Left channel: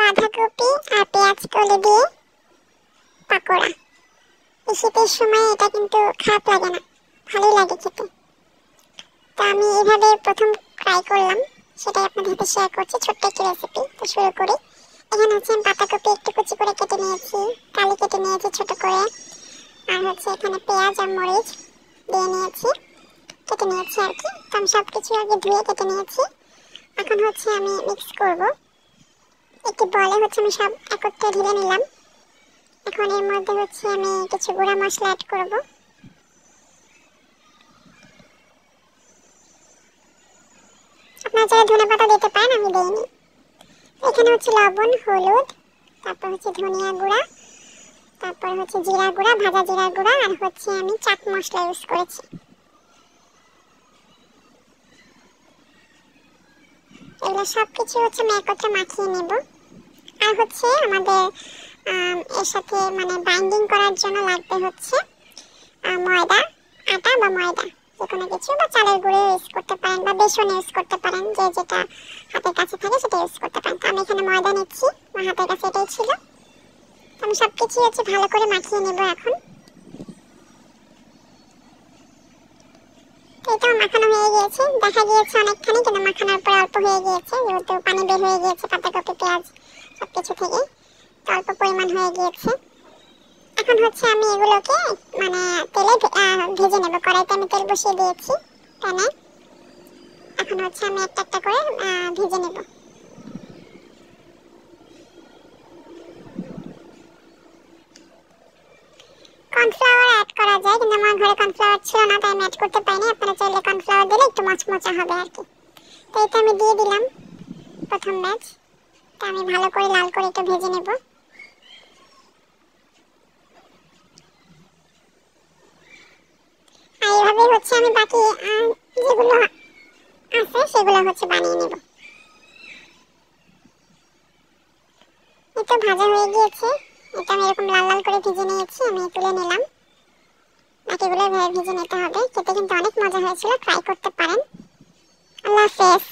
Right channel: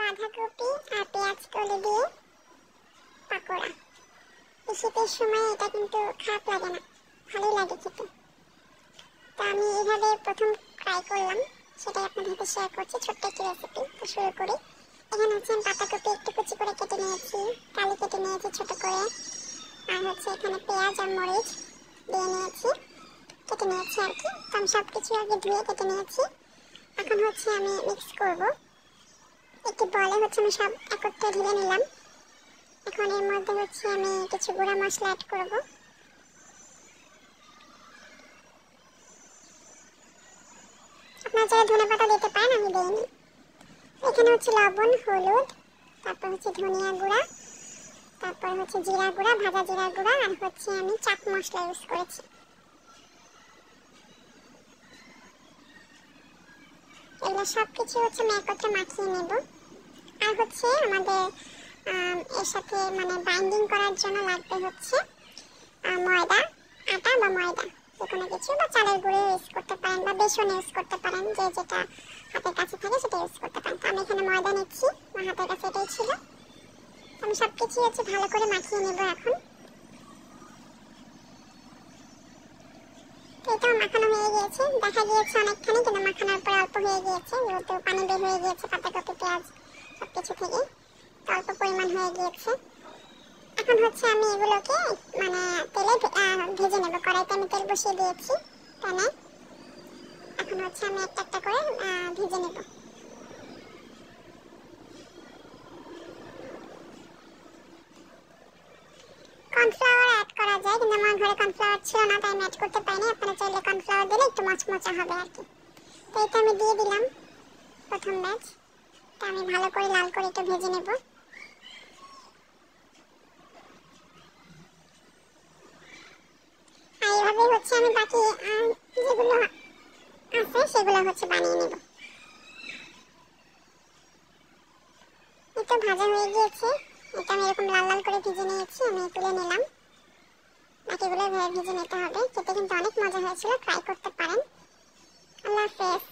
বাঁধাকপি আর পেঁয়াজ কলি দিয়ে পাকোড়া। এই শীতের সময় এটা কিন্তু খারাপ লাগে না, ভালোই লাগে খেতে। তো আমি এইভাবে প্রথম ট্রাই করলাম, সেটাই আপনাদের সাথে শেয়ার করছি, ছোট্ট একটি রেসিপি। তো শুরু করি। এখানে হচ্ছে আমি পাতাকপি একটু কুচি করে কেটে নিয়েছি, কালি কেটে নিয়েছি ছোট করে, আর হচ্ছে এখানে পেঁয়াজ আর মরিচ দিয়ে নিয়েছি, কেটে নিয়েছি আর কি। তো আমি সব কিছু আগে ধুয়ে কেটে নিয়েছি। এখন হচ্ছে আমি মিক্স করব। একটি বলে হচ্ছে আমি সব একত্রে ঢেলে নিলাম। এখন এর মধ্যে হচ্ছে আমি কিছু গুঁড়া মশলা অ্যাড করব। আপনারা চাইলে ধনেপাতা দিতে পারেন, আমি দেইনি। এখানে হচ্ছে লবণ, হলুদ, তারপর হচ্ছে ধনিয়া গুঁড়া, তারপর হচ্ছে জিরা গুঁড়া, ভাজা জিরা গুঁড়া, আর হচ্ছে আমি চাট মশলা ইউজ করেছি। এগুলো সব কিছু হচ্ছে আমি একত্রে মাখিয়ে নেব। আর হচ্ছে আমাদের এর সাথে মানে বাইন্ডিং করার জন্য লাগবে হচ্ছে ময়দা, আটা বা ময়দা যে কোনো কিছু, বা চালের গুঁড়ো ইউজ করতে পারেন বা বেসন ইউজ করতে পারেন, যে যেটা হাতের কাছে থাকে সেটা ইউজ করতে পারেন। তো আমি এখানে ময়দা নিচ্ছি, আমার হাতের কাছে এটাই ছিল। আমি সব কিছু হচ্ছে ভালো করে মাখিয়ে নেব এখন। তো এটা মাখানো হয়ে গিয়েছে, দেখা গিয়েছে অনেকখানি, কিন্তু মাখানোর পর অল্প হয়ে গিয়েছে, যেহেতু পানি বের হয়ে গিয়েছে পাতাকপি পেঁয়াজ সব কিছু থেকে, তো অল্প পরিমাণ হয়ে গিয়েছে। এখন হচ্ছে আমি এগুলোকে মানে তেলে ভেজে নেব। কড়াইতে আমি তেল বসিয়ে দিয়েছি প্যানে। এখন হচ্ছে আমি একটা একটা করে ভেজে নেব। কর্নফ্লাওয়ার অ্যাড করা যায়, কিন্তু আমার ঘরে কর্নফ্লাওয়ার ছিল না, তাই আমি অ্যাড করতে পারিনি। আপনারা চাইলে কর্নফ্লাওয়ার দিলে একটু মচমচা হবে আর কি। তো এটা আমি দিয়ে দিলাম প্রথম ব্যাচ। তো আমি ভালো করে লাল করে একটু ভেজে নেব। আর এইভাবেই হচ্ছে আমি বাকি যেগুলো আছে সেগুলো হচ্ছে বানিয়ে নেব। এটা ভাজা হয়ে গিয়েছে, এটা আমি এরকম লাল লাল করে ভেজে নিয়েছি, আমি তুলে নিলাম। বাকিগুলো ভেজে নিতে হবে। খেতে কিন্তু অনেক মজা হয়েছিল, ট্রাই করতে পারেন। আল্লাহ হাফেজ।